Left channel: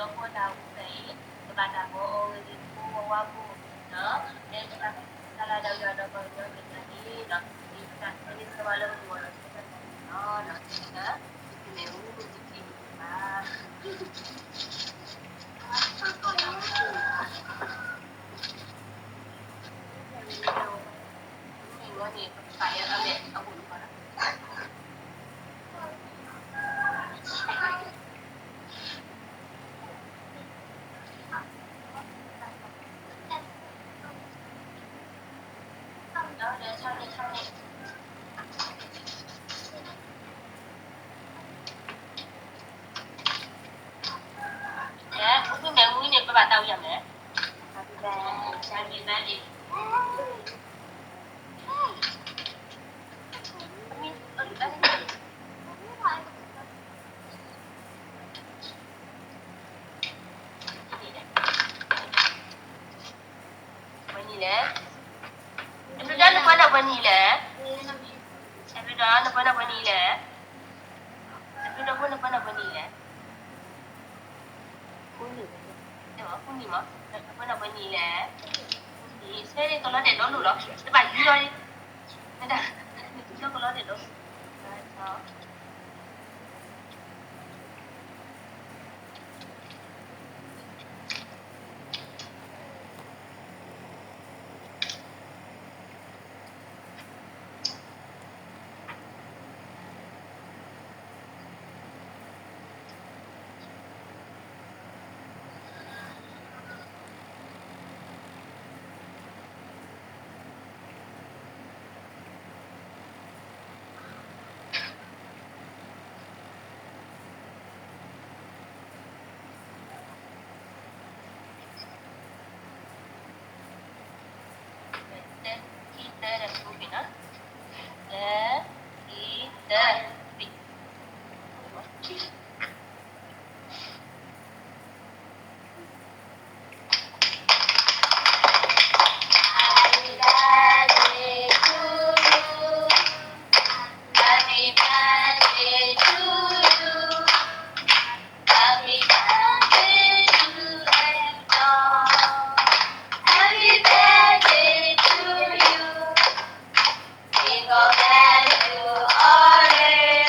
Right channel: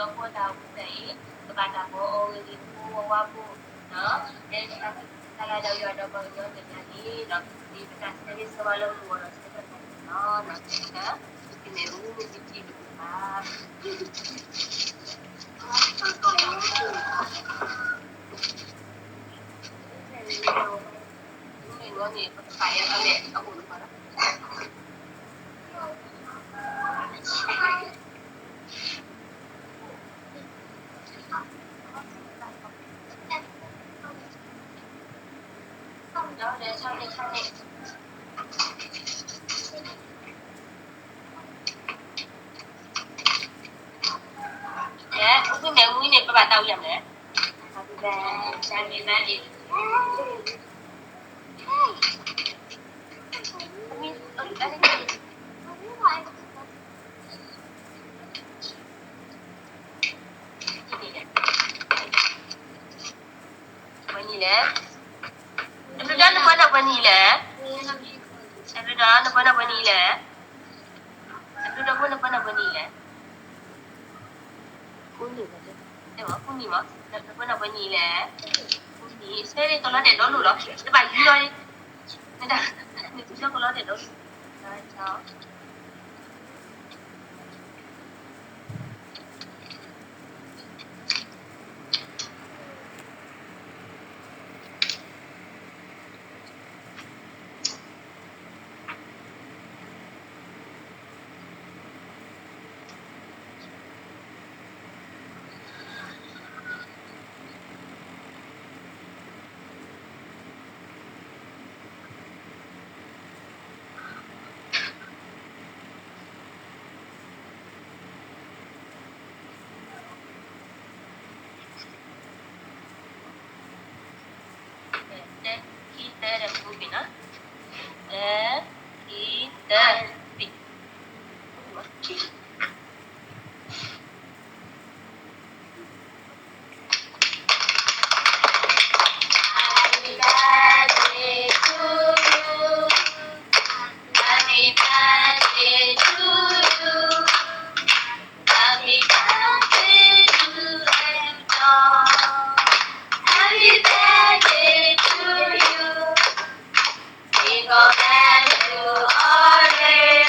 toko daw say bata ko o hindi po wapo no then sala daw yun daw ba yun ganyan no di ba kasi sa walang wala sa no no na kineu hindi pa ini saya kami ako lupa na ya, mungkin yang ini berapa tahun yang ni? Saya ni nanti. Vanilla. Ada dah nak mana vanilla? Ada dah nak mana vanilla? Ada dah mana mana vanilla? Kuning. Tengok kuning mah. Nak mana vanilla? Kuning. Saya ni kalau ada dulu lah. Lepas ni lah. Dah. Ni tu kalau ada dulu. Ciao. Kita dah moving ah. Kita pick. Go back to all it.